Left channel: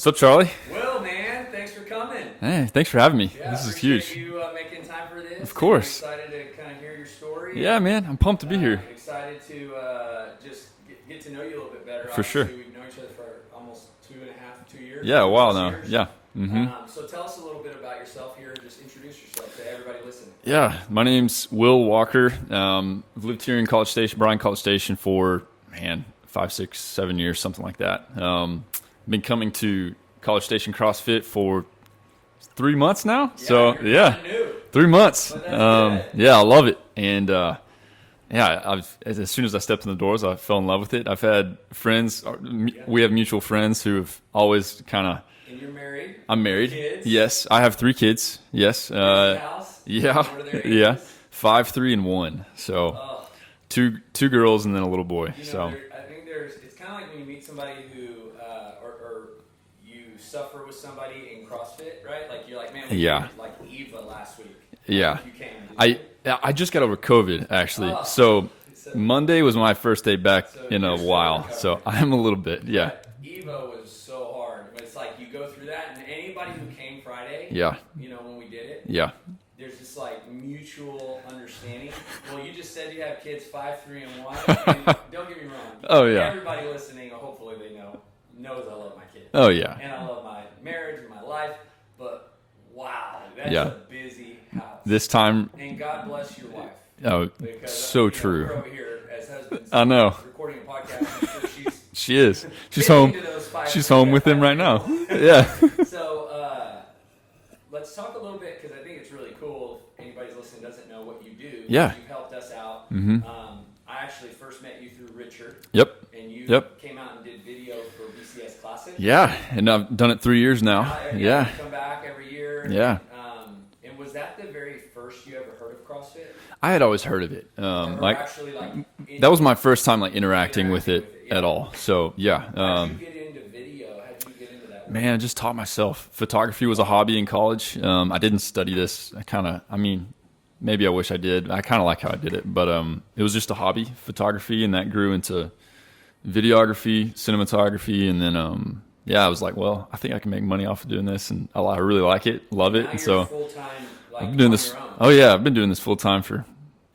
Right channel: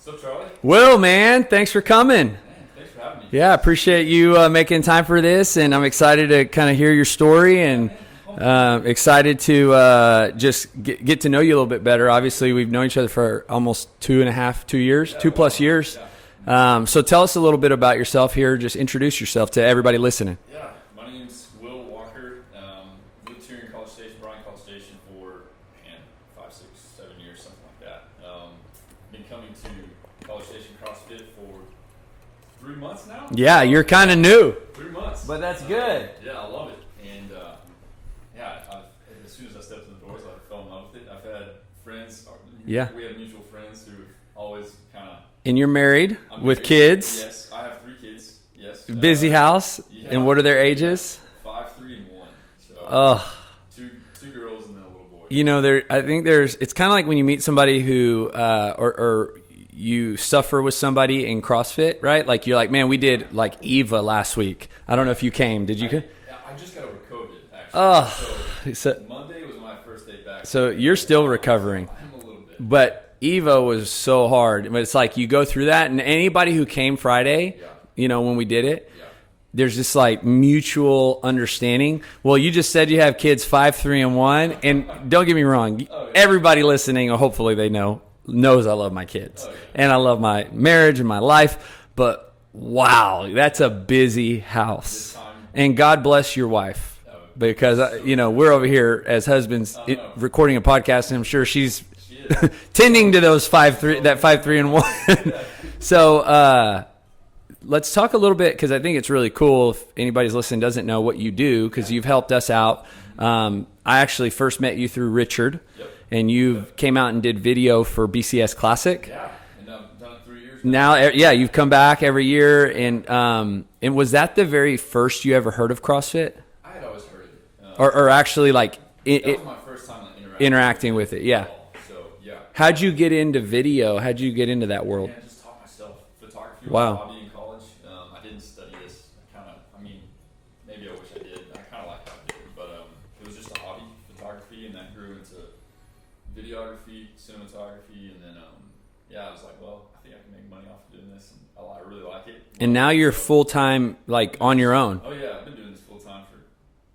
What's up, Charlie? Will, man, thanks for coming. Hey, thanks for having me. Yeah, I appreciate you making time for this, and I'm excited to kind of hear your story. Yeah, and, man, I'm pumped to be here. Excited to just get to know you a little bit better. Obviously, sure. we've known each other for almost 2 years, Yeah, 2+ years. Yeah. Mm-hmm. So tell us a little bit about yourself here. Just introduce yourself to everybody listening. Yeah, my name's Will Walker. I've lived here in College Station for, 5, 6, 7 years, something like that. Been coming to College Station CrossFit for 3 months now. Yeah, so, you're kind of new. 3 months. But that's good. Yeah, I love it. And as soon as I stepped in the doors, I fell in love with it. I've had friends. We have mutual friends who have always kind of. And you're married? I'm married. With kids? Yes, I have 3 kids. Yes. Busy house? Yeah. And what are their ages? 5, 3, and 1. So two girls and then a little boy. You know, I think it's kind of like when you meet somebody who or you suffer with somebody in CrossFit, right? Like you're like, man, we did like Eva last week. I don't know if you came. Did you? I just got over COVID actually. So Monday was my first day back. So you're still recovering. So I'm a little bit. But Evo was so hard. But it's like you go through that, and anybody who came Friday, you know, when we did it, there's this like mutual understanding. Well, you just said you have kids 5, 3, and 1, and don't get me wrong. Everybody listening, or hopefully they knows I love my kids. Oh yeah, and I love my marriage and my life. But wow, that's a busy house this time. And God bless your wife. Oh, because so you know true. We're over here as husbands. I know. Recording a podcast, and I'm sure she is tending to those 5, 3, that 5, 3, and 1. Yeah. So let's talk a little bit, because I think it's really cool if anybody's listening doesn't know what you do, because you've helped us out. Mm-hmm. I actually first met you through Richard. Yep. And you came out and did video for BCS Classic. Yeah, and I've done it 3 years now. You've come back every year. Yeah. And was that the very first you ever heard of CrossFit? I had always heard of it. That was my first time like interacting with it at all. So yeah. How'd you get into video? How'd you get into that world? Man, I just taught myself. Photography was a hobby in college. I didn't study this. Maybe I wish I did. I kind of like how I did it, but it was just a hobby, photography, and that grew into videography, cinematography, and then I was like, well, I think I can make money off of doing this, and I really like it. Love it. And now you're full time, like on your own. Oh yeah, I've been doing this full time for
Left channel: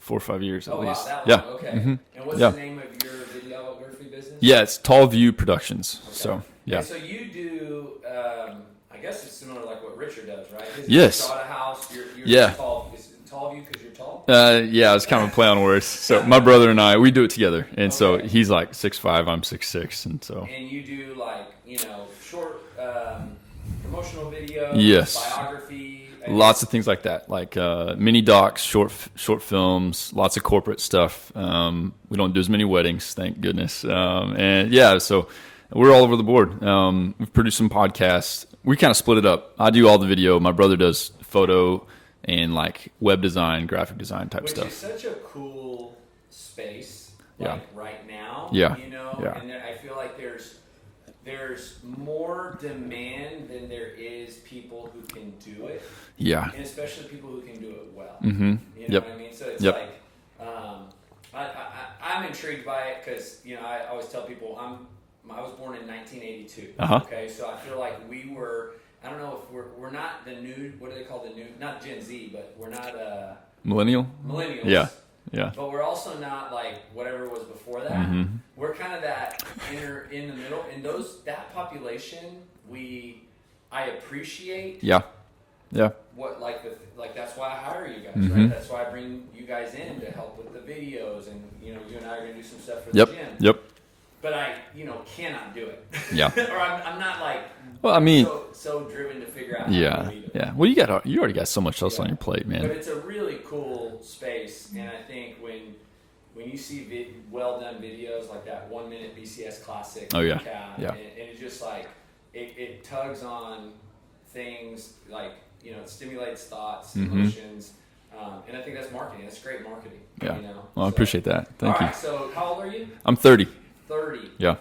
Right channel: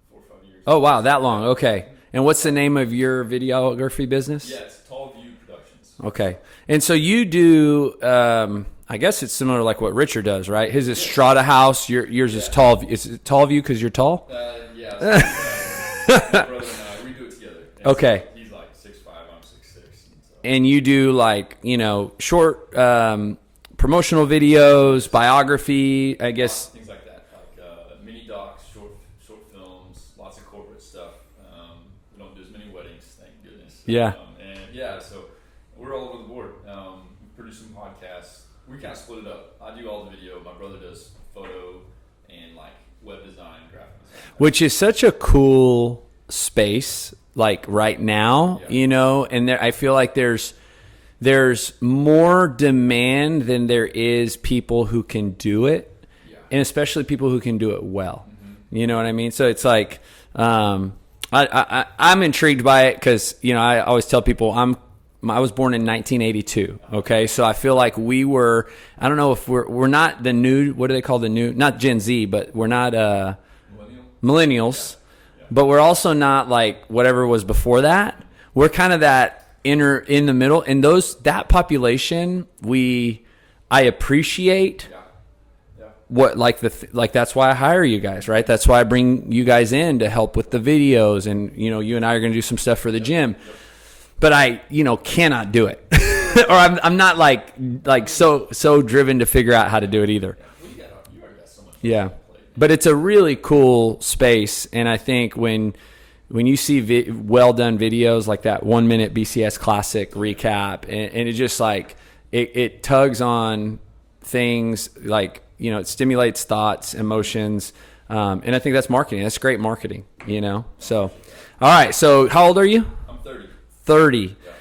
4 or 5 years. Oh wow, that long? Yeah. Okay. Mm-hmm. And what's the name of your videography business? Yeah, it's Tall View Productions. Okay. So, and so you do. I guess it's similar to like what Richard does, right? His is Strata House. You're just Tall. Is it Tall View because you're tall? Yeah, it's kind of a play on words. So my brother and I, we do it together. And so he's like 6'5", I'm 6'6", and so. And you do like short promotional videos, biography, lots of things like that, like mini docs, short films, lots of corporate stuff. We don't do as many weddings, thank goodness. So we're all over the board. We've produced some podcasts. We kind of split it up. I do all the video. My brother does photo and like web design, graphic design type stuff. Which is such a cool space, like right now, and I feel like there's more demand than there is people who can do it. Yeah. And especially people who can do it well. Mm-hmm. You know what I mean? So it's like, I'm intrigued by it because, I always tell people I was born in 1982. Okay. So I feel like we were, I don't know if we're not the new, what do they call the new, not Gen Z, but we're not, millennials. Yeah. But we're also not like whatever was before that. Mm-hmm. We're kind of that in the middle, and that population I appreciate. Yeah. What like that's why I hire you guys, right? That's why I bring you guys in to help with the videos, and you and I are going to do some stuff for the gym. Yep. But I, cannot do it. Yeah. Or I'm not so driven to figure out how to do it either. Yeah. Well, you already got so much else on your plate, man. But it's a really cool space, and I think when you see well done videos like that 1 minute BCS Classic recap, and it just like it tugs on things like it stimulates thoughts, emotions. And I think that's marketing. That's great marketing. Well, I appreciate that. All right. So how old are you? I'm 30. 30. Yeah.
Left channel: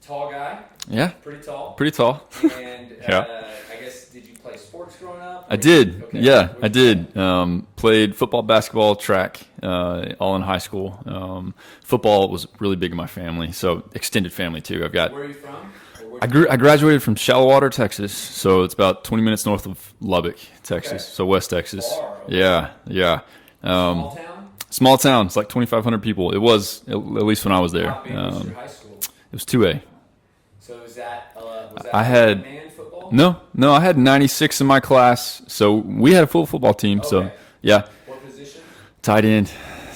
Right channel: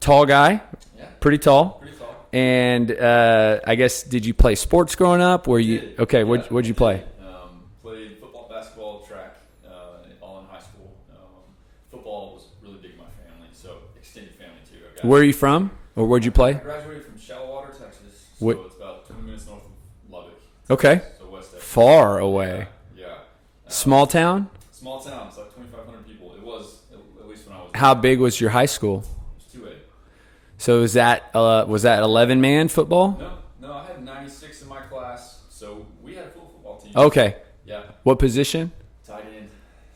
Tall guy. Yeah. Pretty tall. Pretty tall. And I guess, did you play sports growing up? I did. Okay. Yeah, what'd you play? Played football, basketball, track, all in high school. Football was really big in my family, so extended family too. Where are you from? Or where'd you play? I graduated from Shallowater, Texas, so it's about 20 minutes north of Lubbock, Texas. Okay. So West Texas. Far away. Yeah. Small town? Small town. It's like 2,500 people. It was, at least when I was there. How big was your high school? It was 2A. So was that 11-man football? No, I had 96 in my class, so we had a full football team. Okay. So, yeah. What position? Tight end,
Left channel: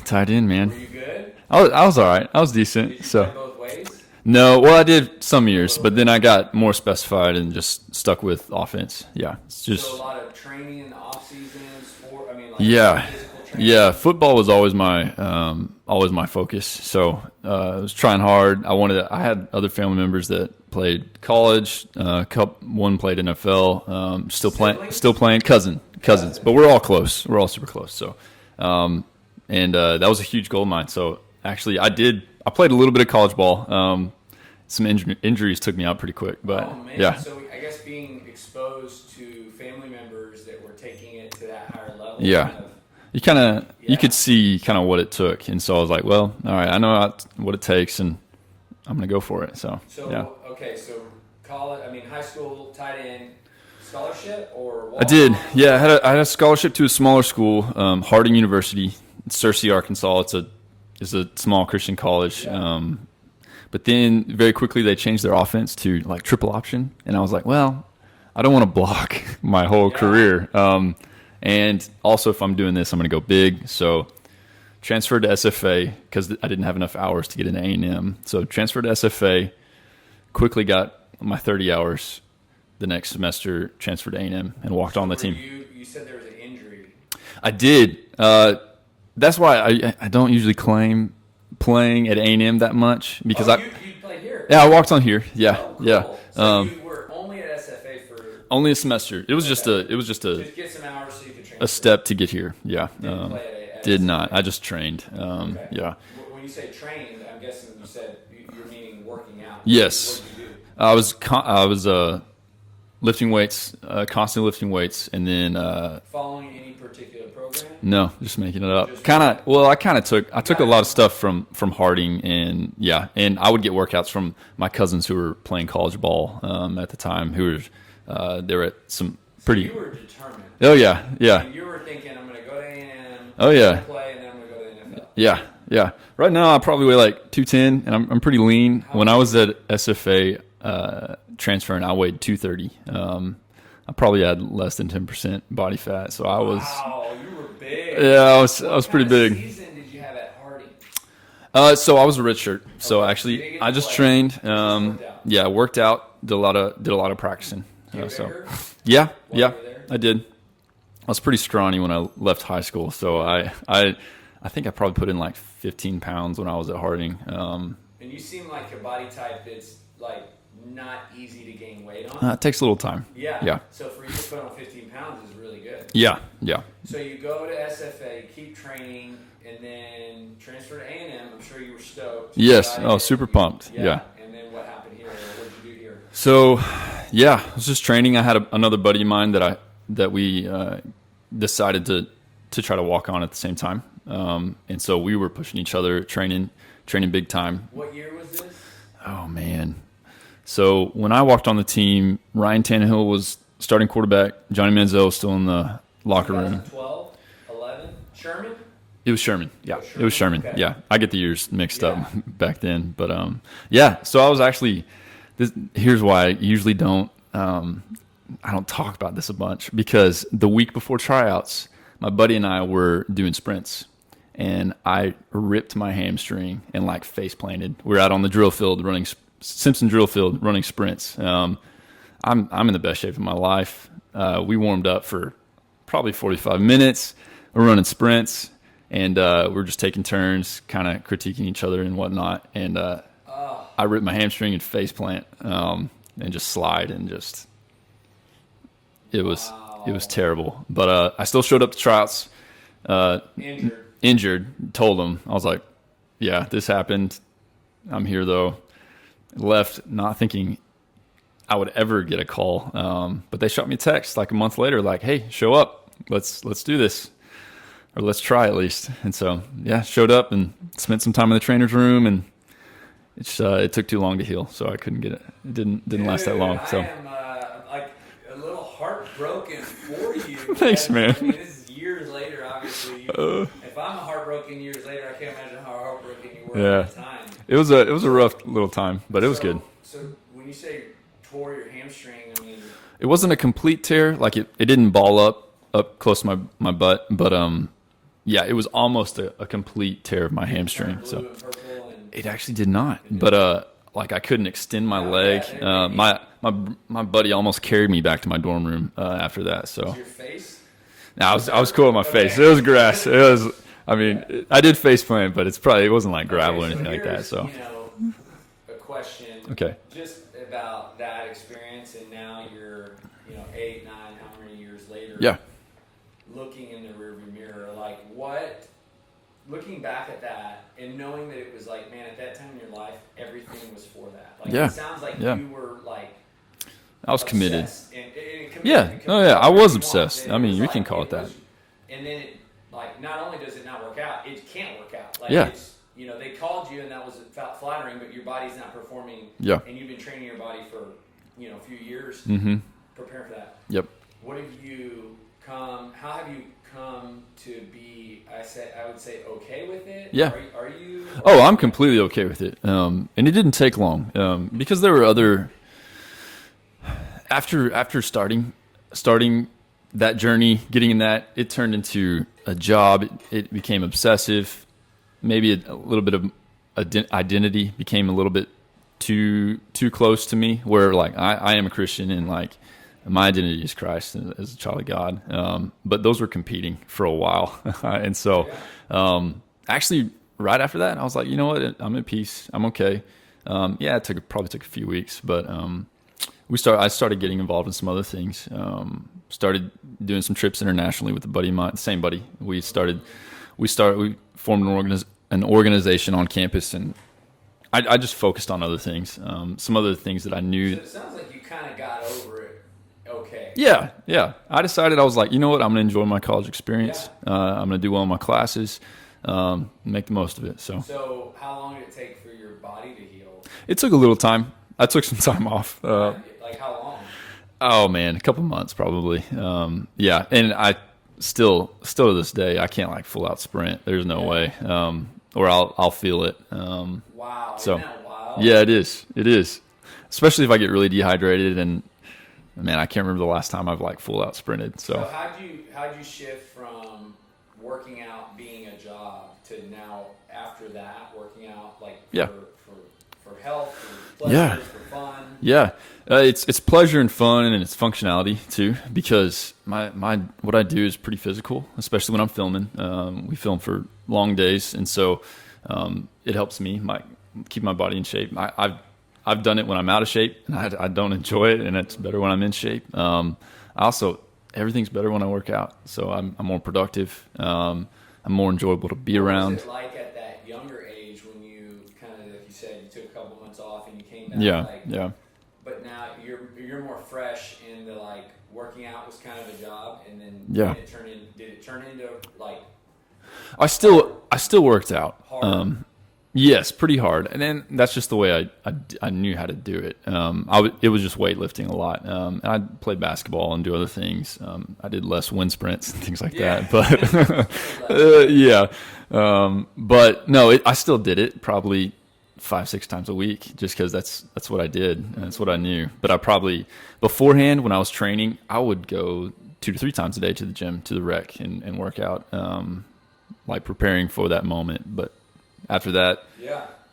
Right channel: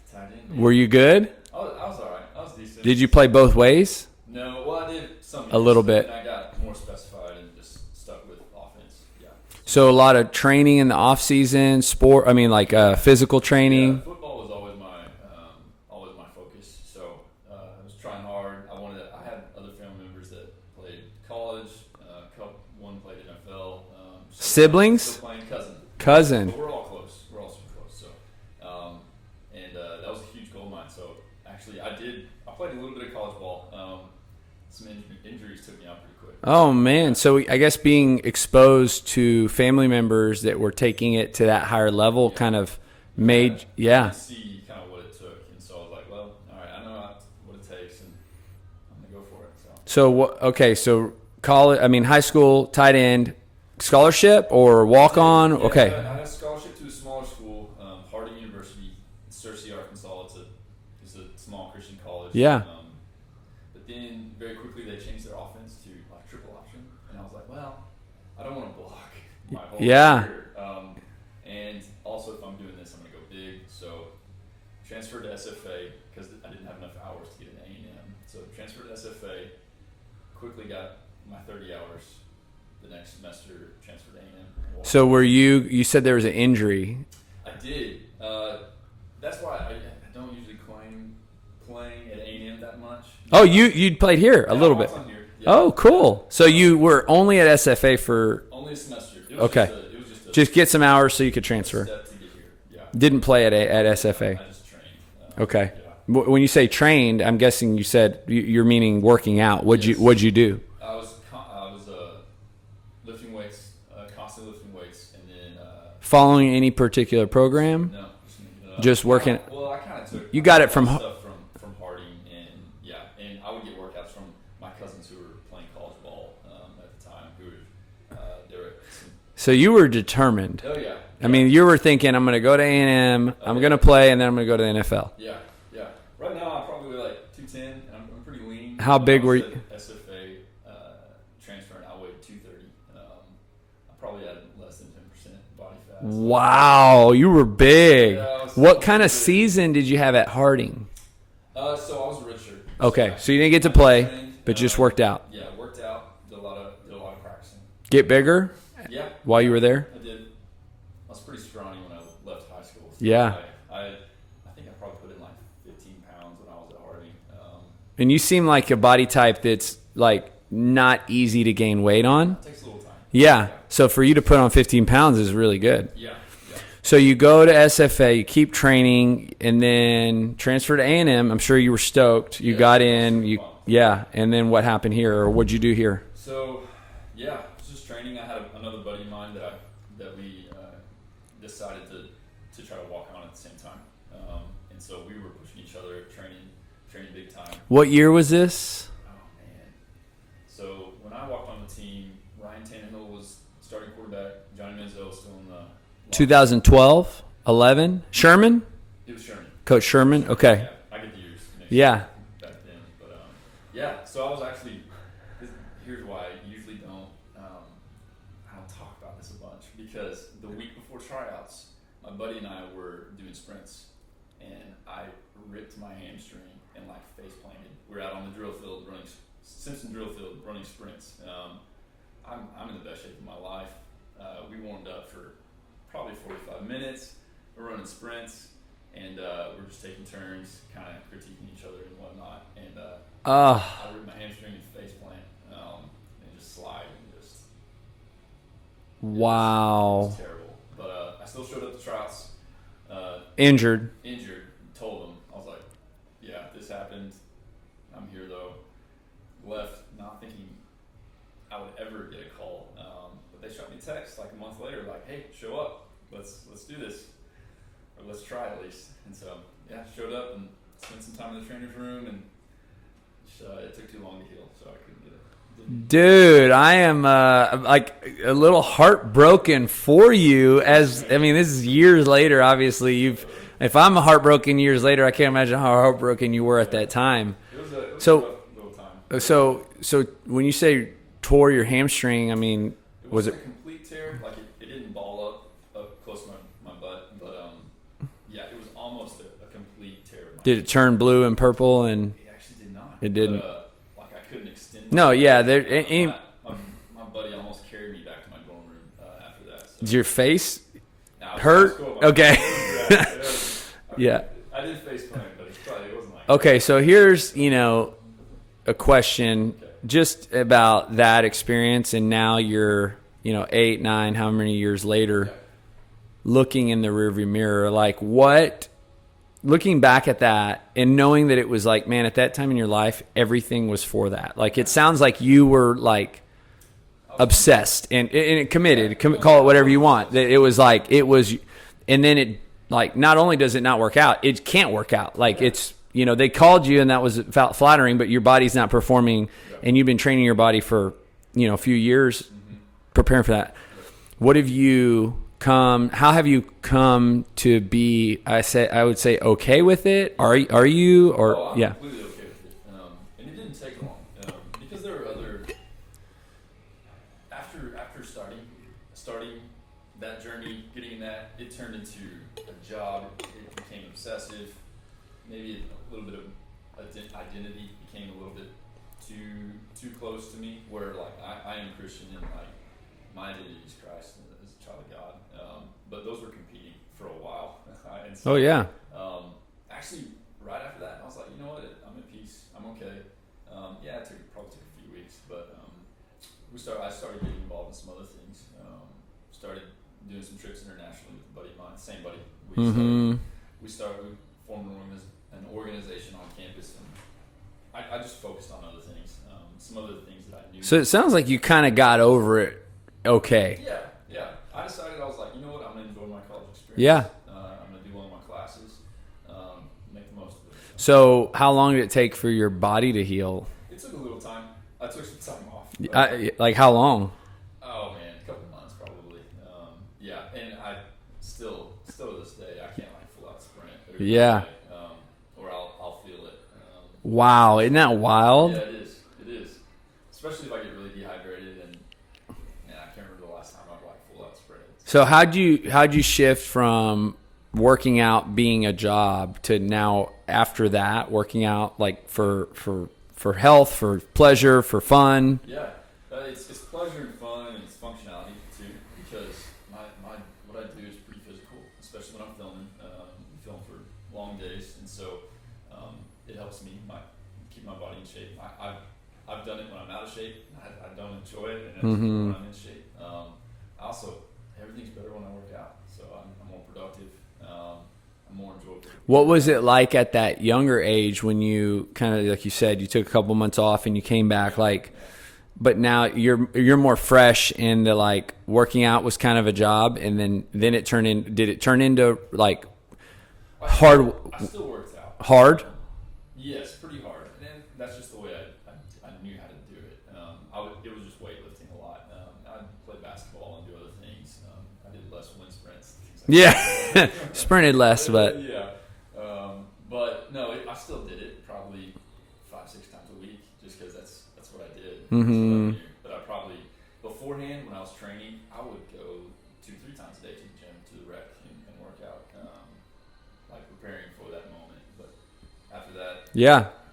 man. Were you good? I was all right. I was decent. Did you play both ways? No, well, I did some years, but bit. then I got more specified and just stuck with offense. Yeah. So a lot of training in the off season, physical training. Yeah, football was always my focus. So I was trying hard. I had other family members that played college. One played NFL. Siblings? Still playing. Cousins. But we're all close. We're all super close. So, that was a huge goal of mine. So actually, I played a little bit of college ball. Some injuries took me out pretty quick. Oh man! Yeah. So I guess being exposed to family members that were taking it to that higher level, you could see kind of what it took, and so I was like, well, all right, I know what it takes, and I'm gonna go for it. So So college, high school tight end scholarship or walk on? Yeah, okay. I had a scholarship to a smaller school, Harding University, Searcy, Arkansas. It's a small Christian college. Yeah. But then very quickly they changed their offense to like triple option, and I was like, well, I don't want to block my whole career. And also if I'm doing this, I'm going to go big. So transferred to SFA because I didn't have enough hours to get into A&M. So transferred to SFA, quickly got my 30 hours. The next semester, transferred to A&M and walked on the team. You said there was an injury. I did. That's why I don't usually claim playing at A&M that much. You played here? Yeah, I walked on here. Yeah. Oh, cool. Yeah. So you were only at SFA for only a semester. It was just get some hours so you could transfer. A step to get here. Yeah. Didn't play at did SFA. Not. I just trained. Okay. Yeah. When you say trained, I'm guessing you said you're meaning working out. What'd you do? I was lifting weights, constantly lifting weights, and then following any particular program? No, just making it up. Just kind of. Well, I kind of took. I took a lot of stuff from Harding, and I would get workouts from my cousins who were playing college ball at the time. Who were they were at some. So you were determined. Oh yeah. I mean, you were thinking, I'm going to go to A&M. I'm going to play, and then I'm going to go to the NFL. Yeah. Right now, I probably weigh like 210, and I'm pretty lean. When I was at SFA. Transferring, I weighed 230. I probably had less than 10% body fat. So wow, you were big. Yeah, what kind of season did you have at Harding? So I was a redshirt. Okay. So actually, you didn't get to play. Just trained, but just worked out. Yeah, worked out. Did a lot of practicing. Get bigger. Yeah, while you were there, I did. I was pretty scrawny when I left high school. So I think I probably put in like 15 pounds when I was at Harding. And you seem like a body type that's like not easy to gain weight on. It takes a little time. Yeah. So for you to put on 15 pounds is really good. Yeah. So you go to SFA, you keep training, and then transfer to A&M. I'm sure you were stoked. Yes. You got in. Super pumped. Yeah. And then what happened here, or what'd you do here? So, I was just training. I had another buddy of mine that we decided to try to walk on at the same time. And so we were pushing each other, training big time. What year was this? Oh, man. So when I walked on the team, Ryan Tannehill was starting quarterback. Johnny Manziel was still in the locker room. 2012, 11. Sherman? It was Sherman. Coach Sherman? It was Sherman. Okay. Yeah. I get the years mixed up back then. But, so I was actually here's why I usually don't I don't talk about this a bunch, because the week before tryouts, my buddy and I were doing sprints, and I ripped my hamstring and like face planted. We're out on the drill field running Simpson drill field running sprints. I'm in the best shape of my life. We warmed up for probably 45 minutes. We're running sprints, and we're just taking turns, kind of critiquing each other and whatnot. And I ripped my hamstring and face plant, and just slide and just. It was terrible. But I still showed up to tryouts. Injured. Told them. I was like, yeah, this happened. I'm here though. left not thinking I would ever get a call. But they shot me a text like a month later, like, "Hey, show up. Let's do this, or let's try at least." And so, yeah, showed up and spent some time in the trainer's room, and it took too long to heal, so I couldn't get it. It didn't. Dude, long, so. I am like a little heartbroken for you. Thanks, as man. I mean, this is years later. Obviously, if I'm heartbroken years later, I can't imagine how heartbroken you were at that time. It was a rough little time, but it was good. So when you say tore your hamstring, I mean, it wasn't a complete tear. Like it didn't ball up close to my butt, but yeah, it was almost a complete tear of my hamstring. Did it turn blue and purple? And it actually did not. It did. But like I couldn't extend my leg. Yeah. My buddy almost carried me back to my dorm room after that. So is your face? No, I was cool with my face. It was grass. It was. I mean, I did face plant, but it wasn't like okay. So here's like that, a question. Just about that experience, and now you're 8, 9, how many years later? Yeah. Looking in the rearview mirror, like looking back at that and knowing that it was like, man, at that time in your life, everything was for that. Like, it sounds like you were like I was obsessed committed. and committed. Yeah. Call it whatever you want. It was like, it was, and then it like, not only does it not work out, it can't work out. Like it's, they called you and that was flattering, but your body's not performing. Yeah. And you've been training your body for, a few years preparing for that. Yep. What have you how have you come to be, I would say, okay with it? Yeah. Are you? Or, I'm completely okay with it. And it didn't take long because there were other, after starting that journey, getting in that, it turned into a job. It became obsessive. Maybe a little bit of identity became a little bit too close to me, where like I am a Christian and like my identity is Christ as a child of God. But those were competing for a while. And so actually right after that, I was like, you know what? I'm at peace. I'm okay. It probably took a few weeks, but I started getting involved in some other things. Started doing some trips internationally with a buddy of mine, the same buddy. We formed an organization on campus, and I just focused on other things. Some other things that I knew. So it sounds like you kind of got over it. Okay. Yeah. I decided, I was like, you know what? I'm going to enjoy my college experience. Yeah. I'm going to do well in my classes, make the most of it. So how long did it take for your body to heal? It took a little time. I took some time off. Like how long? Oh man, a couple months probably. And I still to this day, I can't like full out sprint. There's no way. Or I'll feel it. Wow. Isn't that wild? Yeah, it is. Especially if I get really dehydrated, and man, I can't remember the last time I've like full out sprinted. So how'd you shift from working out being a job to now after that working out like for health, for pleasure, for fun? Yeah. It's pleasure and fun, and it's functionality too, because my what I do is pretty physical, especially when I'm filming. We film for long days, and so it helps me keep my body in shape. I've done it when I'm out of shape, and I don't enjoy it, and it's better when I'm in shape. Everything's better when I work out, so I'm more productive. I'm more enjoyable to be around. What was it like at that younger age when you kind of, like you said, you took a couple months off and you came back? But now you're more fresh, and the like working out was kind of a job, and then did it turn into like I still worked out hard? Yes, pretty hard, and then that's just the way I knew how to do it. It was just weightlifting a lot, and I played basketball and do other things. I did less wind sprints and things like that. But sprinted less. But no, I still did it probably 5-6 times a week, just because that's what I did. That's what I knew. But I probably beforehand, when I was training, I would go 2 to 3 times a day to the gym, to the rec, and work out, like preparing for that moment. But after that,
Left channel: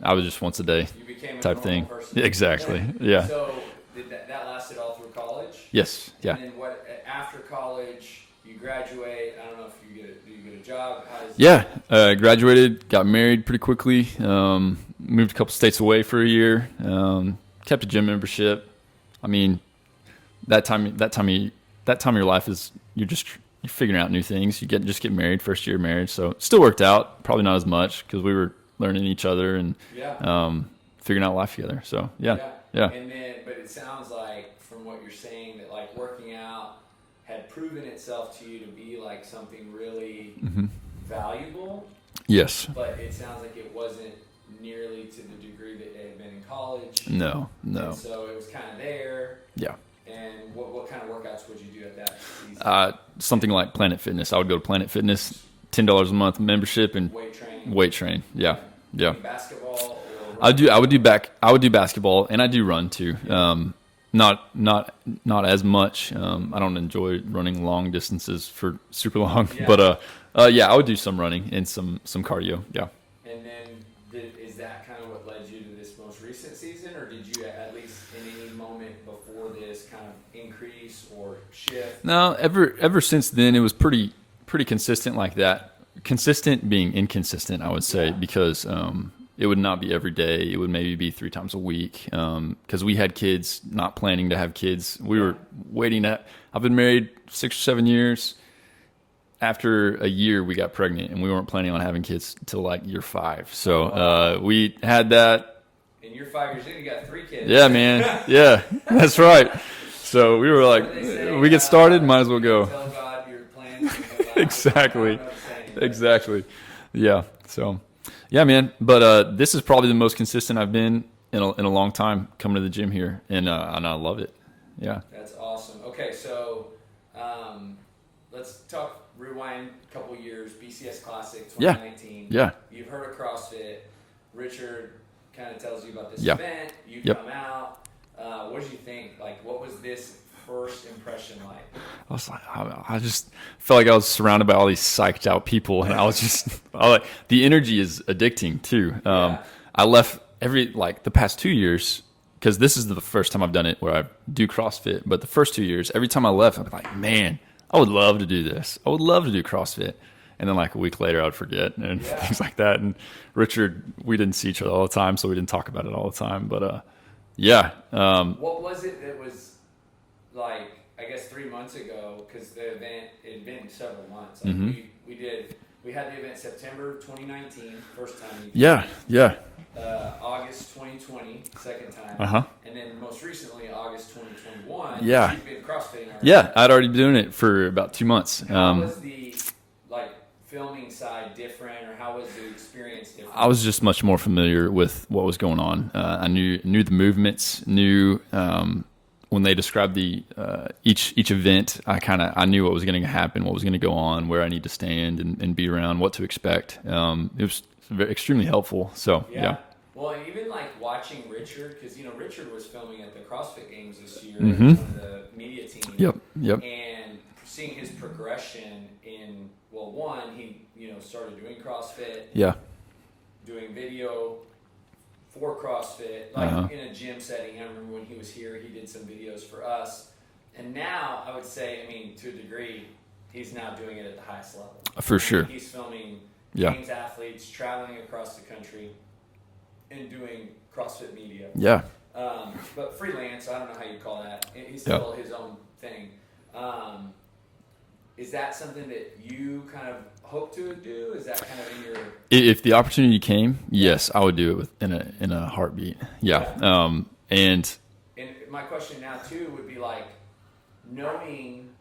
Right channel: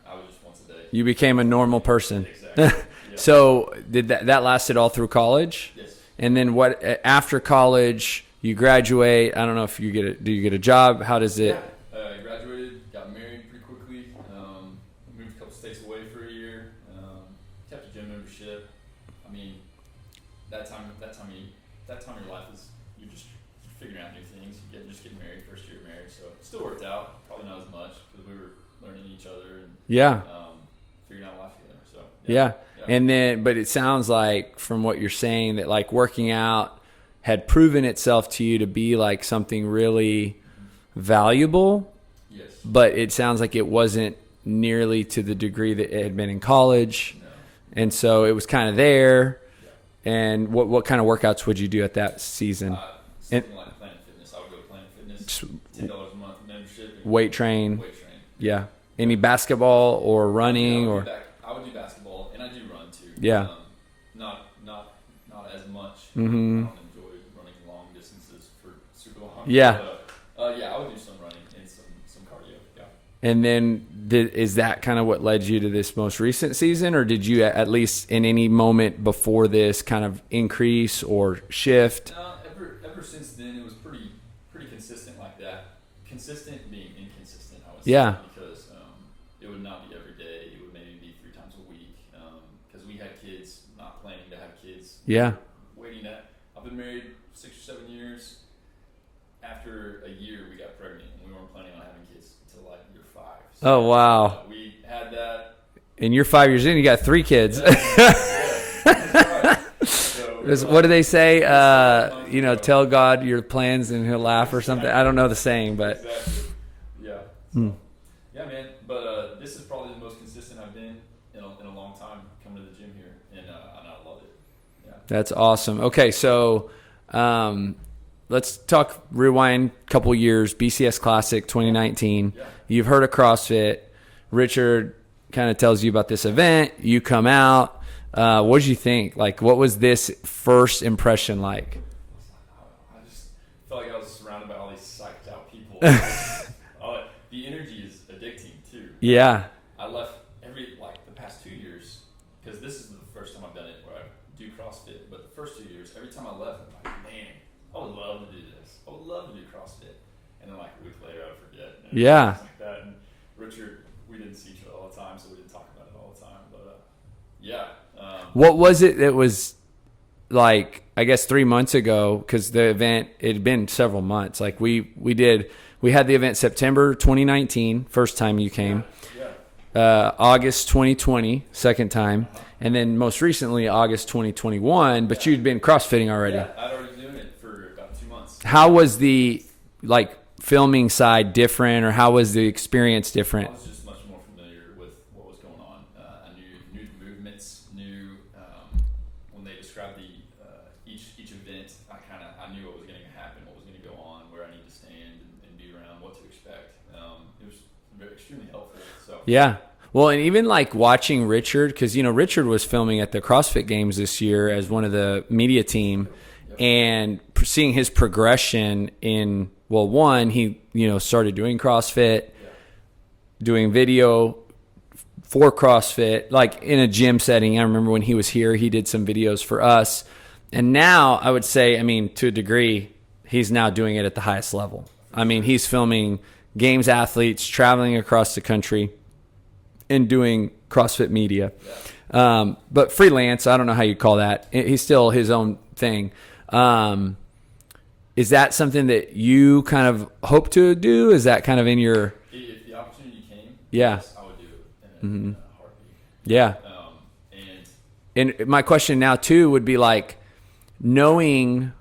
I was just once a day. You became a normal person. Exactly. Yeah. So did that lasted all through college? Yes. And then what after college? You graduate. I don't know if do you get a job? How does it? Yeah. Graduated, got married pretty quickly. Moved a couple states away for a year. Kept a gym membership. I mean, that time of your life is you're figuring out new things. You just get married, first year of marriage. So it still worked out. Probably not as much because we were learning each other, and figuring out life together. So yeah. And then, but it sounds like from what you're saying that like working out had proven itself to you to be like something really valuable. Yes. But it sounds like it wasn't nearly to the degree that it had been in college. No. And so it was kind of there. Yeah. And what kind of workouts would you do at that season? Something like Planet Fitness. I would go to Planet Fitness, $10 a month membership, and weight train. Yeah. Any basketball or running? I would do basketball, and I do run too. Yeah. Not as much. I don't enjoy running long distances for super long. Yeah. But I would do some running and some cardio. Yeah. And then is that kind of what led you to this most recent season, or did you at least in any moment before this kind of increase or shift? No, ever since then it was pretty consistent like that. Consistent being inconsistent, I would say, because it would not be every day. It would maybe be 3 times a week because we had kids, not planning to have kids. We were waiting. I've been married 6 or 7 years. After a year, we got pregnant, and we weren't planning on having kids until like year 5. So we had that. And you're 5 years in, you got 3 kids. Yeah, man. Yeah, that's right. So we were like, what do they say? We get started, might as well go. Tell God your plans and he'll laugh or something. I don't know the saying. But. Exactly. Yeah. So, yeah, man. But this is probably the most consistent I've been in a long time coming to the gym here, and I love it. Yeah. That's awesome. Okay, so let's rewind a couple years. BCS Classic 2019. Yeah. You've heard of CrossFit. Richard kind of tells you about this event. You come out. What did you think? Like, what was this first impression like? I was like, I just felt like I was surrounded by all these psyched out people, and I was like, the energy is addicting too. Yeah. I left the past 2 years, because this is the first time I've done it where I do CrossFit. But the first 2 years, every time I left, I'd be like, man, I would love to do this. I would love to do CrossFit. And then like a week later, I would forget. And things like that. And Richard, we didn't see each other all the time, so we didn't talk about it all the time. But what was it that was like, I guess 3 months ago, because the event, it had been several months. Like we had the event September 2019, first time you came. Yeah. August 2020, second time. And then most recently, August 2021, but you'd been CrossFitting already. Yeah, I'd already been doing it for about 2 months. How was the filming side different, or how was the experience different? I was just much more familiar with what was going on. I knew the movements, knew when they described the each event, I knew what was going to happen, what was going to go on, where I need to stand and be around, what to expect. It was extremely helpful. So yeah. Well, and even like watching Richard, because Richard was filming at the CrossFit Games this year as one of the media team. Yep. And seeing his progression in, well, one, he started doing CrossFit, doing video for CrossFit, in a gym setting. I remember when he was here, he did some videos for us, and now I would say, to a degree, he's now doing it at the highest level. For sure. I mean, he's filming Games athletes traveling across the country and doing CrossFit media. Yeah. But freelance, I don't know how you call that. He's still his own thing. Is that something that you kind of hope to do? Is that kind of in your... If the opportunity came, yes, I would do it in a heartbeat. Yeah. And my question now too would be like, knowing,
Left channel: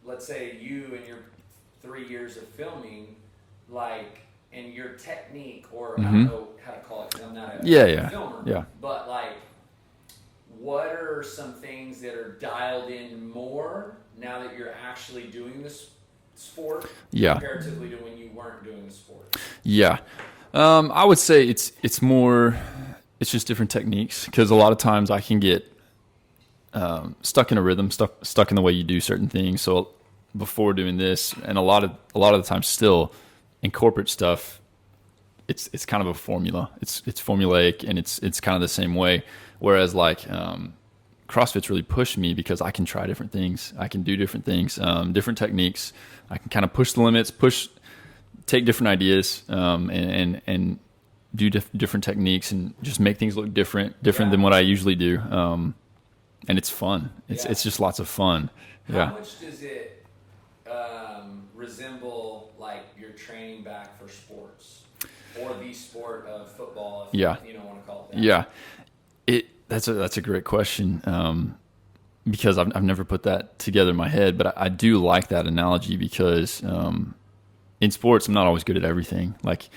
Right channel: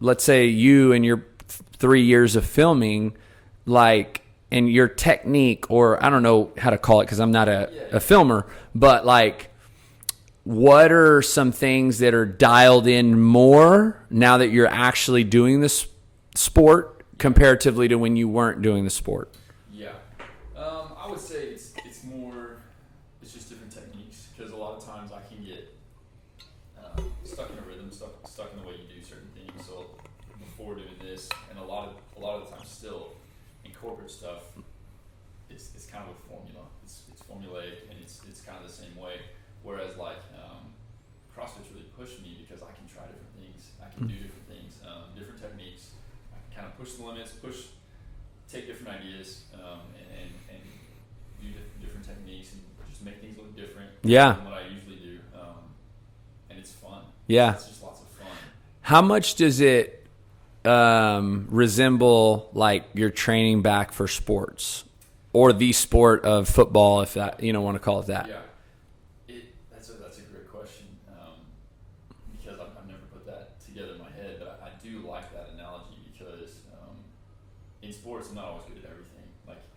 let's say you and your 3 years of filming, and your technique, or I don't know how to call it because I'm not a filmer, but what are some things that are dialed in more now that you're actually doing this sport comparatively to when you weren't doing the sport? Yeah. I would say it's just different techniques, because a lot of times I can get stuck in a rhythm, stuck in the way you do certain things. So before doing this, and a lot of the time still in corporate stuff, it's kind of a formula. It's formulaic, and it's kind of the same way. Whereas CrossFit's really pushed me, because I can try different things. I can do different things, different techniques. I can kind of push the limits, take different ideas, and do different techniques, and just make things look different than what I usually do. And it's fun. It's just lots of fun. How much does it resemble your training back for sports? or the sport of football, if you don't want to call it that. Yeah. That's a great question. Because I've never put that together in my head, but I do like that analogy because in sports, I'm not always good at everything. Like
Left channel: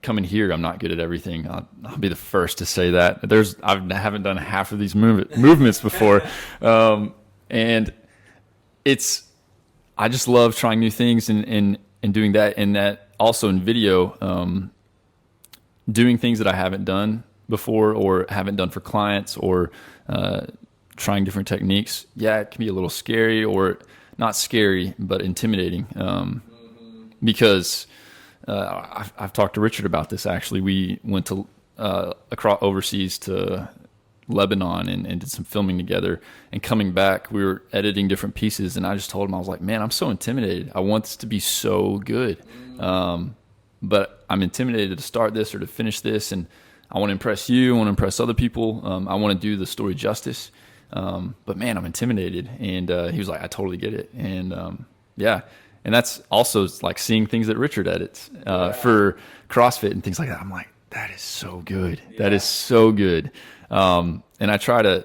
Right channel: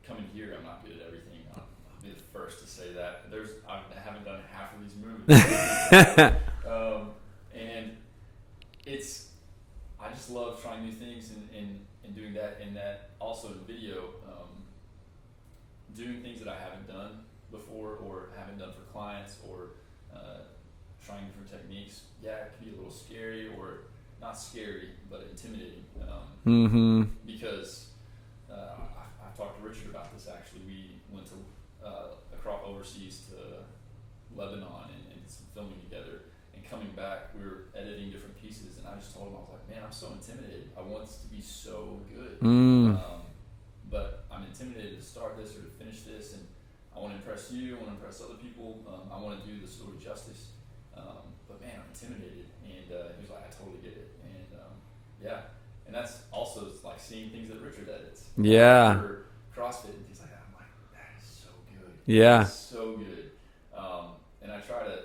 coming here, I'm not good at everything. I'll be the first to say that. I haven't done half of these movements before. And I just love trying new things and doing that. And that also in video, doing things that I haven't done before or haven't done for clients or trying different techniques. Yeah, it can be a little scary or not scary, but intimidating. Because I've talked to Richard about this. Actually, we went to across overseas to Lebanon and did some filming together. And coming back, we were editing different pieces, and I just told him, I was like, man, I'm so intimidated. I want this to be so good, but I'm intimidated to start this or to finish this, and I want to impress you. I want to impress other people. I want to do the story justice. But man, I'm intimidated. And he was like, I totally get it. And and that's also like seeing things that Richard edits for CrossFit and things like that. I'm like, that is so good. Yeah. That is so good. And I try to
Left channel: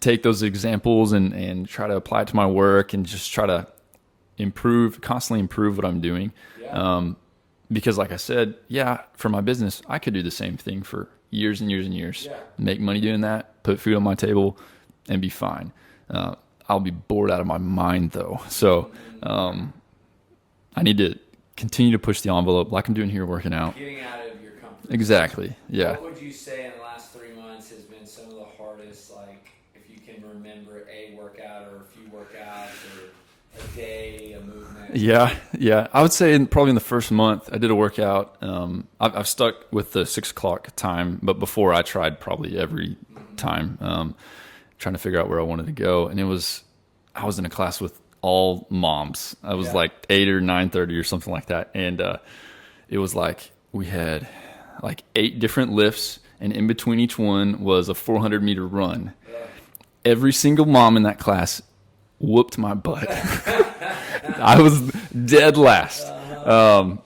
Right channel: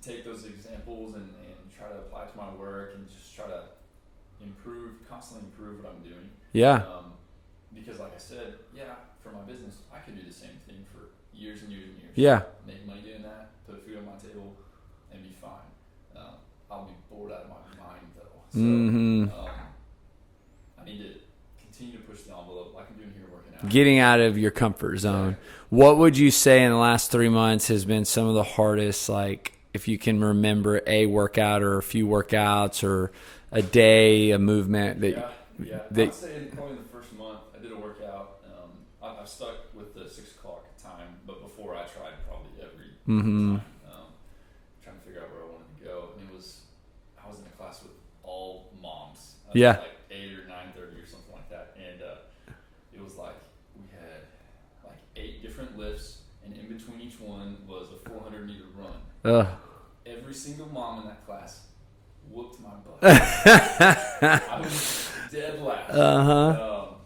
take those examples and try to apply it to my work and just try to constantly improve what I'm doing. Yeah. Because like I said, for my business, I could do the same thing for years and years and years. Yeah. Make money doing that, put food on my table, and be fine. I'll be bored out of my mind though. So I need to continue to push the envelope like I'm doing here working out. Getting out of your comfort zone. Exactly. Yeah. What would you say in the last 3 months has been some of the hardest, like if you can remember a workout or a few workouts or a day, a movement? Yeah. I would say probably in the first month I did a workout. I've stuck with the 6 o'clock time, but before I tried probably every time, trying to figure out where I wanted to go. And I was in a class with all moms. I was like 8 or 9:30 or something like that. And it was like we had like 8 different lifts, and in between each one was a 400-meter run. Every single mom in that class whooped my butt. I was dead last. And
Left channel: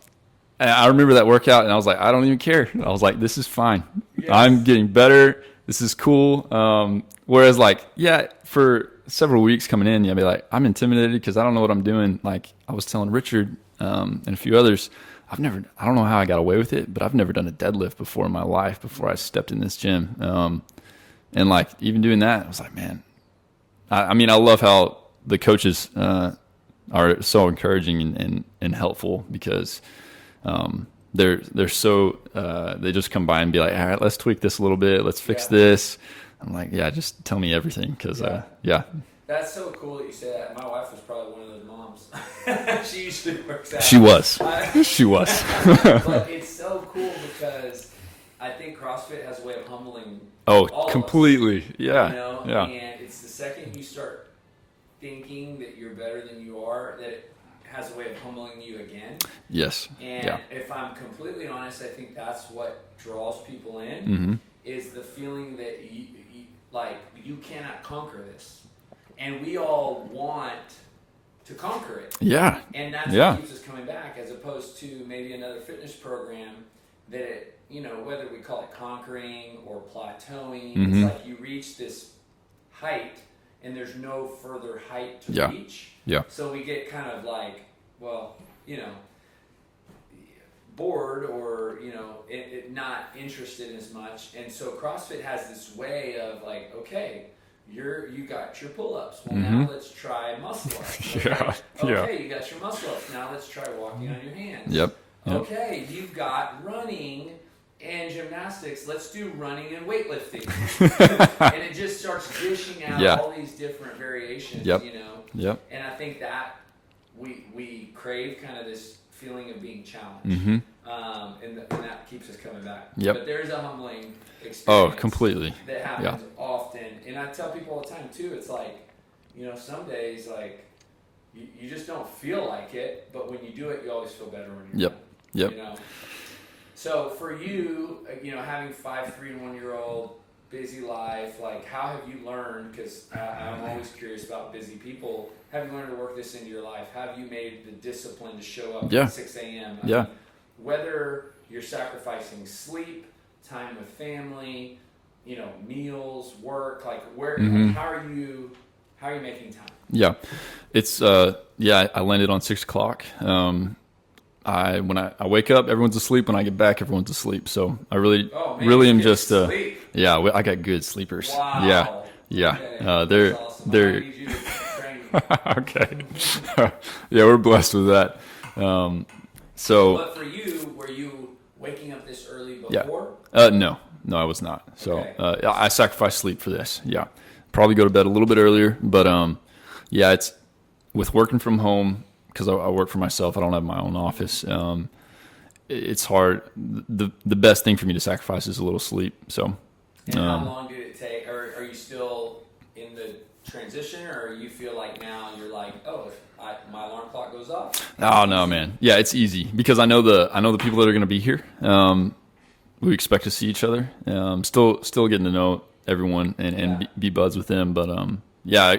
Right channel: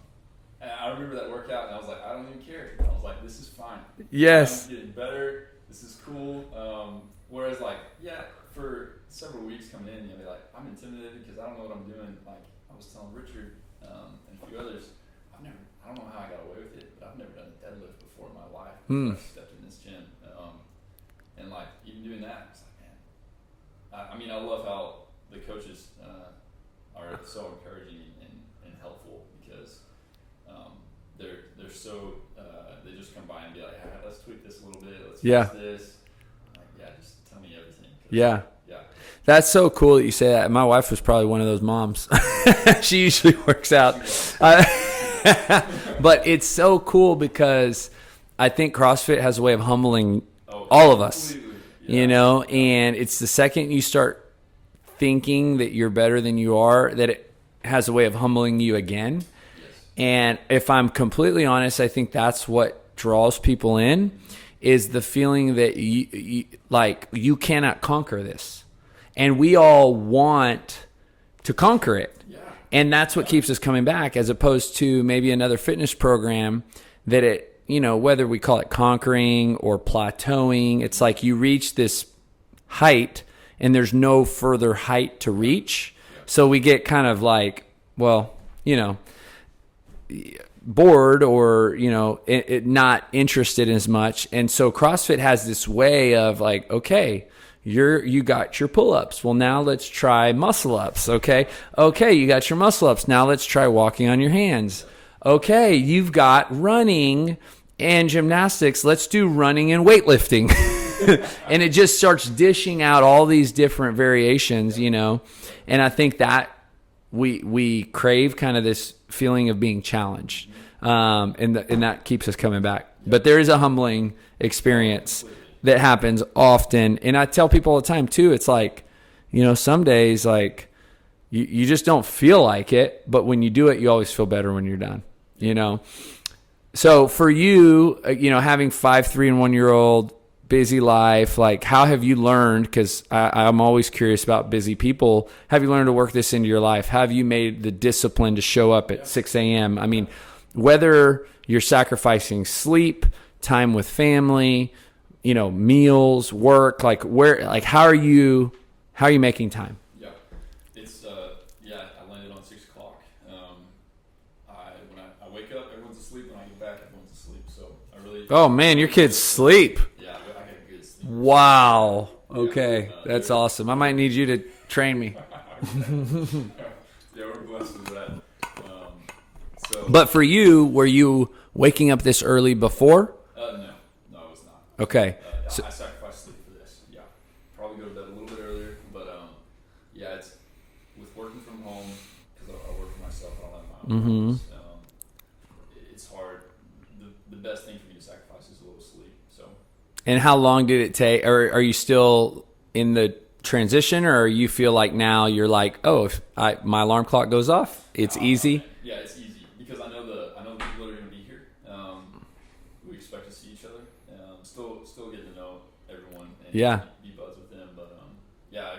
I remember that workout, and I was like, I don't even care. I was like, this is fine. Yes. I'm getting better. This is cool. Whereas like, for several weeks coming in, I'd be like, I'm intimidated because I don't know what I'm doing. Like I was telling Richard and a few others, I don't know how I got away with it, but I've never done a deadlift before in my life before I stepped in this gym. And like even doing that, I was like, man, I mean, I love how the coaches are so encouraging and helpful because they're so they just come by and be like, all right, let's tweak this a little bit, let's fix this. I'm like, just tell me everything. Cause, that's so cool that you say that. My wife was probably one of those moms. She usually works out. She was. She was. But it's so cool because I think CrossFit has a way of humbling all of us. Completely. Yeah. And it's the second you start thinking that you're better than you are, that it has a way of humbling you again. Yes. And if I'm completely honest, I think that's what draws people in is the feeling that you cannot conquer this. And we all want to conquer it. Yeah. And that's what keeps us coming back, as opposed to maybe another fitness program that it, whether we call it conquering or plateauing, it's like you reach this height and there's no further height to reach. Yeah. So we get kind of like, bored or, not interested as much. And so CrossFit has this way of like, okay, you got your pull-ups. Well, now let's try muscle-ups. Okay. You got your muscle-ups. Now let's try walking on your hands. Yep. Okay. You've got running and gymnastics. Let's do running and weightlifting. And it just starts dishing out all these different variations, Yep. And I think that we crave kind of this feeling of being challenged. And that keeps us coming back. Yep. But there is a humbling experience completely that happens often. And I tell people all the time too, it's like, some days like you just don't feel like it, but when you do it, you always feel better when you're done. Yep. So for you, having 5, 3, and 1-year-old, busy life, like how have you learned, because I'm always curious about busy people, have you learned to work this into your life? Have you made the discipline to show up at 6 a.m.? I mean, whether you're sacrificing sleep, time with family, meals, work, like how are you making time? Yeah. It's, I landed on 6:00. When I wake up, everyone's asleep. When I get back, everyone's asleep. So I really, your kids sleep. Yeah, I got good sleepers. Wow. Yeah. Okay, that's awesome. I might need you to train me. Okay. Yeah, we're blessed with that. But for you, were you waking up this early before? No, I was not. So, okay. I sacrificed sleep for this. Yeah, probably go to bed a little bit earlier, but it's with working from home. Because I work for myself, I don't have my own office. It's hard. The best thing for me to sacrifice is a little sleep. So, and how long did it take? Or are you still in the transition, or you feel like now you're like, if my alarm clock goes off, it's easy? No, man. Yeah, it's easy because I know the people that are going to be here. We expect to see each other. Still getting to know everyone and be buds with them. But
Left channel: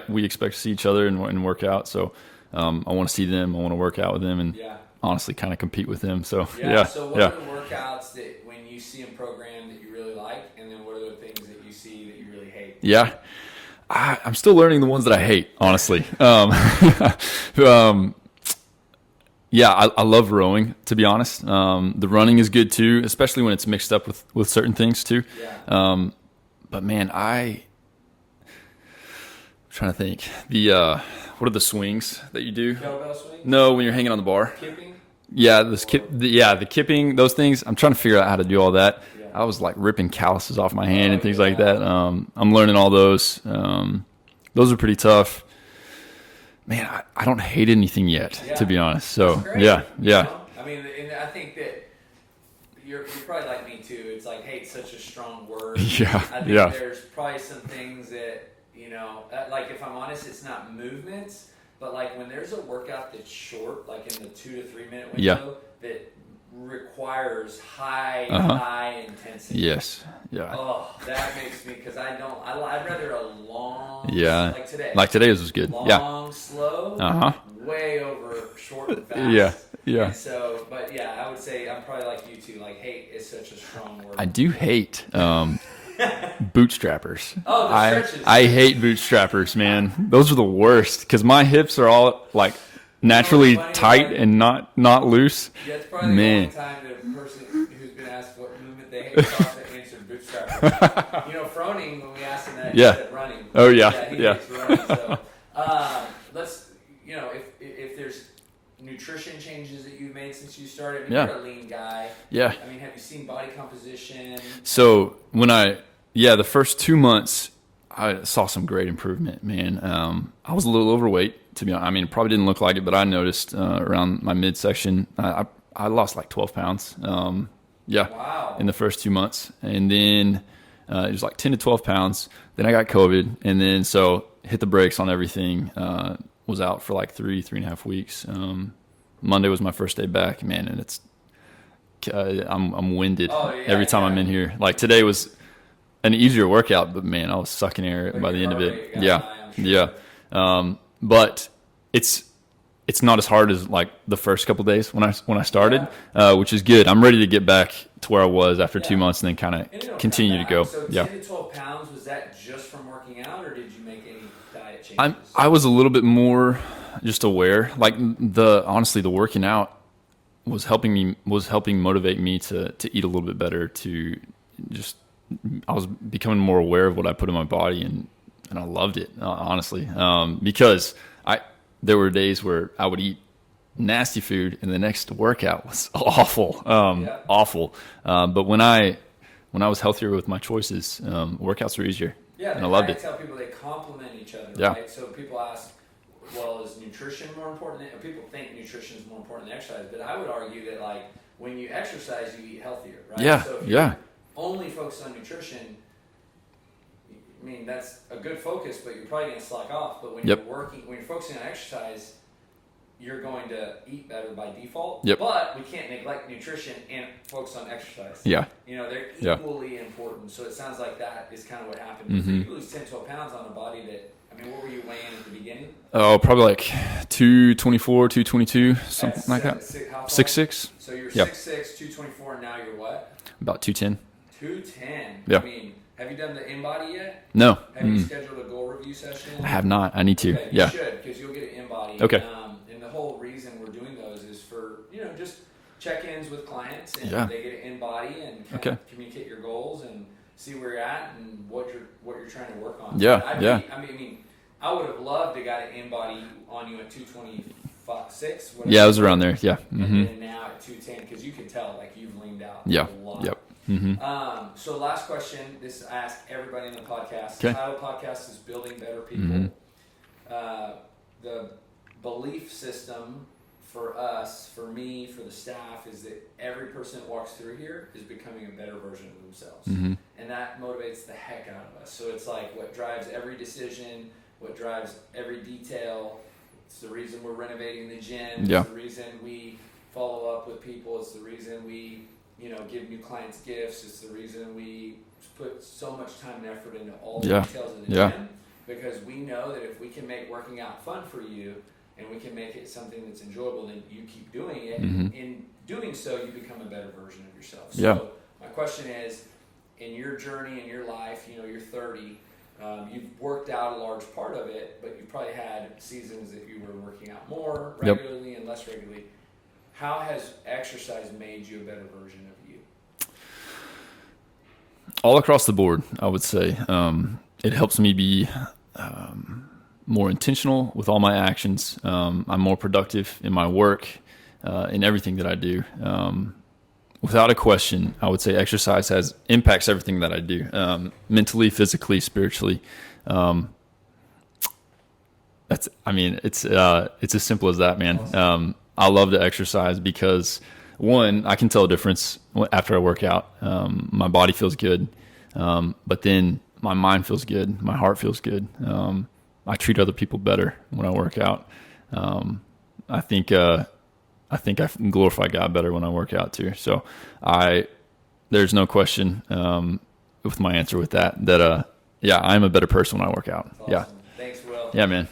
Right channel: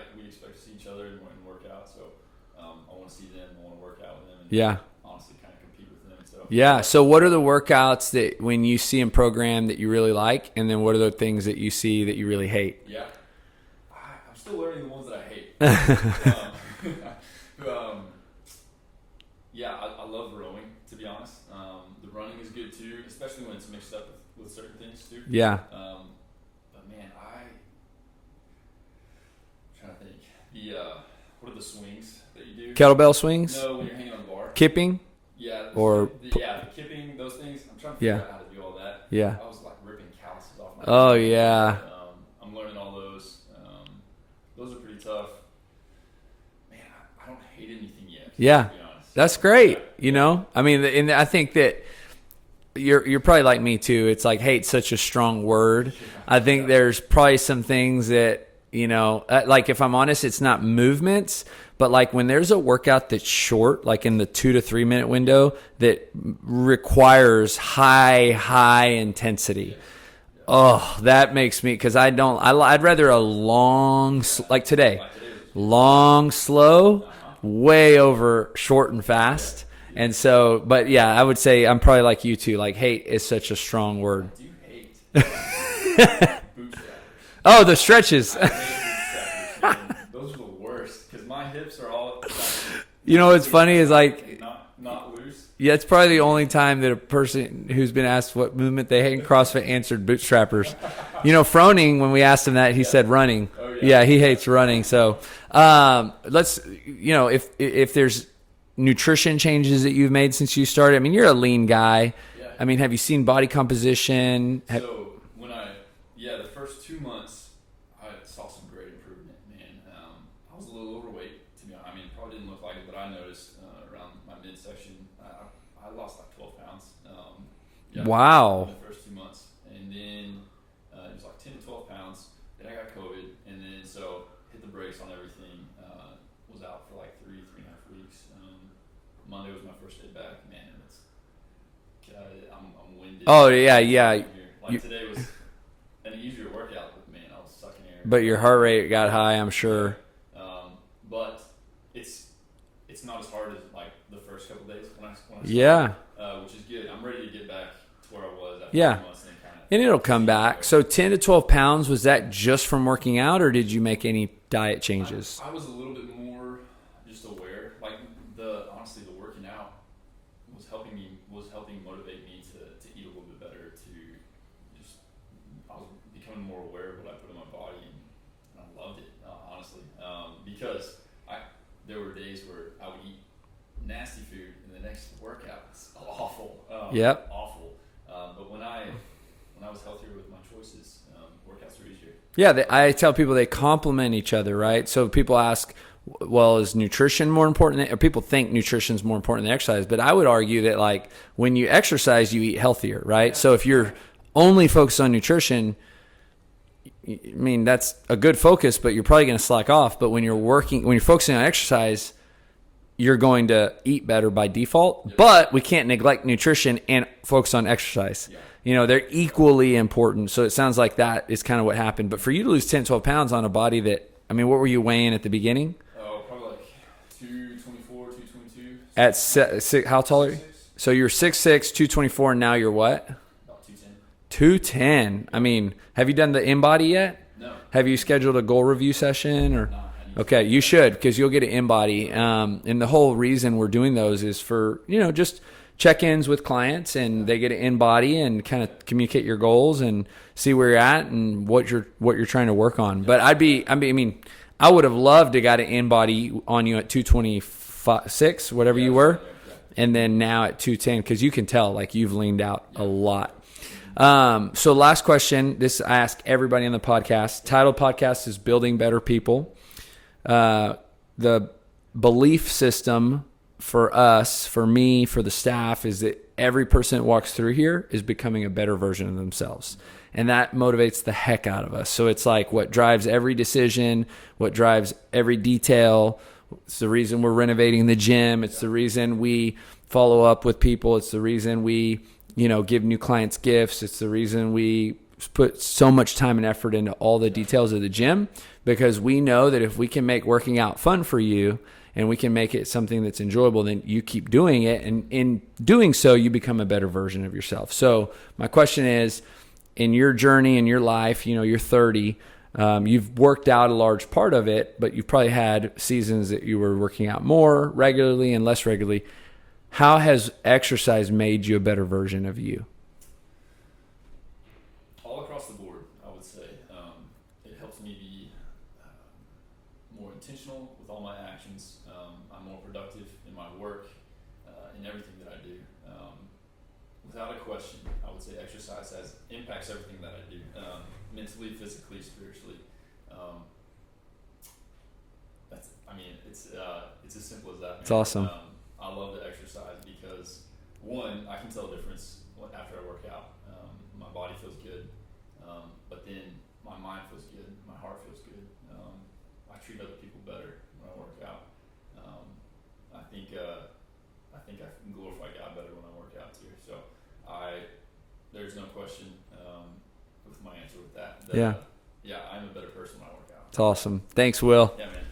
we expect to see each other and work out. So. I want to see them. I want to work out with them, and honestly, kind of compete with them. So So, what are the workouts that when you see in program that you really like, and then what are the things that you see that you really hate? Yeah, I'm still learning the ones that I hate. Honestly, I love rowing. To be honest, the running is good too, especially when it's mixed up with certain things too. Yeah. But man, I'm trying to think what are the swings that you do? Kettlebell swings? No, when you're hanging on the bar. Kipping? Yeah, the kipping, those things. I'm trying to figure out how to do all that. Yeah. I was like ripping calluses off my hand and things like that. I'm learning all those. Those are pretty tough. Man, I don't hate anything yet, to be honest. So, that's great. Yeah. You know? I mean, and I think that you're probably like me too. It's like hate's such a strong word. Yeah. I think there's probably some things that, like if I'm honest, it's not movements, but like when there's a workout that's short, like in the 2 to 3 minute window that requires high intensity. Yes. Yeah. Oh, that makes me, cause I'd rather a long, like today. Like today's was good. Long, slow, way over short and fast. Yeah. And so, but I would say I'm probably like you too. Like hate is such a strong word. I do hate bootstrappers. Oh, the stretches. I hate bootstrappers, man. Those are the worst because my hips are all like naturally tight and not loose. Yeah, it's probably the only time that a person who's been asked what movement they hate in CrossFit answered bootstrappers. Froning, when we asked him that, he said running. Oh yeah. Yeah, he hates running. So let's, if there's nutrition changes that you've made since you started. I mean, you're a lean guy. Yeah. I mean, have you seen body composition? So when the first 2 months, I saw some great improvement, man. I was a little overweight, to be honest. I mean, it probably didn't look like it, but I noticed around my midsection, I lost like 12 pounds. Wow. In the first 2 months. And then it was like 10 to 12 pounds. Then I got COVID. And then so hit the brakes on everything. Was out for like 3.5 weeks. Monday was my first day back, man, and it's I'm winded. Oh yeah, every time I'm in here. Like today was an easier workout, but man, I was sucking air. But your heart rate got high, I'm sure. Yeah. But it's not as hard as like the first couple of days when I started, which is good. I'm ready to get back to where I was after 2 months, and then kind of continue to go. So 10 to 12 pounds, was that just from working out, or did you make any diet changes? I was a little bit more just aware. Like honestly, the working out was helping motivate me to eat a little bit better. I was becoming more aware of what I put in my body, and I loved it, honestly, because there were days where I would eat nasty food and the next workout was awful. Awful. But when I was healthier with my choices, workouts were easier. Yeah. I tell people they complement each other, right? Yeah. So people ask, well, is nutrition more important or people think nutrition is more important than exercise, but I would argue that like when you exercise, you eat healthier, right? Yeah. So if you're only focused on nutrition, I mean, that's a good focus, but you're probably going to slack off. But when you're when you're focusing on exercise, you're going to eat better by default. Yep. But we can't neglect nutrition and focus on exercise. Yeah. They're equally important. So it sounds like that is kind of what happened. But for you to lose 10, 12 pounds on a body that, I mean, what were you weighing at the beginning? Oh, probably like 224, 222. How tall? 6'6". So you're 6'6", 224, and now you're what? About 210. 210. Yep. I mean, have you done the in-body yet? No. Have you scheduled a goal review session? I have not. I need to. Okay, you should, because you'll get an in-body. Okay. And the whole reason we're doing those is for, just check-ins with clients, and they get an in-body and kind of communicate your goals and see where you're at and what you're trying to work on. Yeah. But I would have loved to got an in-body on you at 226, whatever. Yeah, you it was were. around there. Yeah. And then now at 210, because you can tell like you've leaned out a lot. Yep. Mm-hmm. So last question, this I ask everybody on the podcast. Okay. Title podcast is Building Better People. The belief system for us, for me, for the staff, is that every person that walks through here is becoming a better version of themselves. And that motivates the heck out of us. So it's like what drives every decision, what drives every detail. It's the reason we're renovating the gym. It's the reason we follow up with people. It's the reason we, give new clients gifts. It's the reason we put so much time and effort into all the details of the gym, because we know that if we can make working out fun for you and we can make it something that's enjoyable, then you keep doing it. And in doing so, you become a better version of yourself. So my question is, in your journey, in your life, you're 30, you've worked out a large part of it, but you've probably had seasons that you were working out more regularly and less regularly. How has exercise made you a better version of you? All across the board, I would say. It helps me be more intentional with all my actions. I'm more productive in my work, in everything that I do. Without a question, I would say exercise impacts everything that I do, mentally, physically, spiritually. It's as simple as that, man. That's awesome. I love to exercise because, one, I can tell a difference after I work out. My body feels good, but then my mind feels good. My heart feels good. I treat other people better when I work out. I think I glorify God better when I work out too. So there's no question with my answer with that I'm a better person when I work out. That's awesome. Thanks, Will. Yeah, man.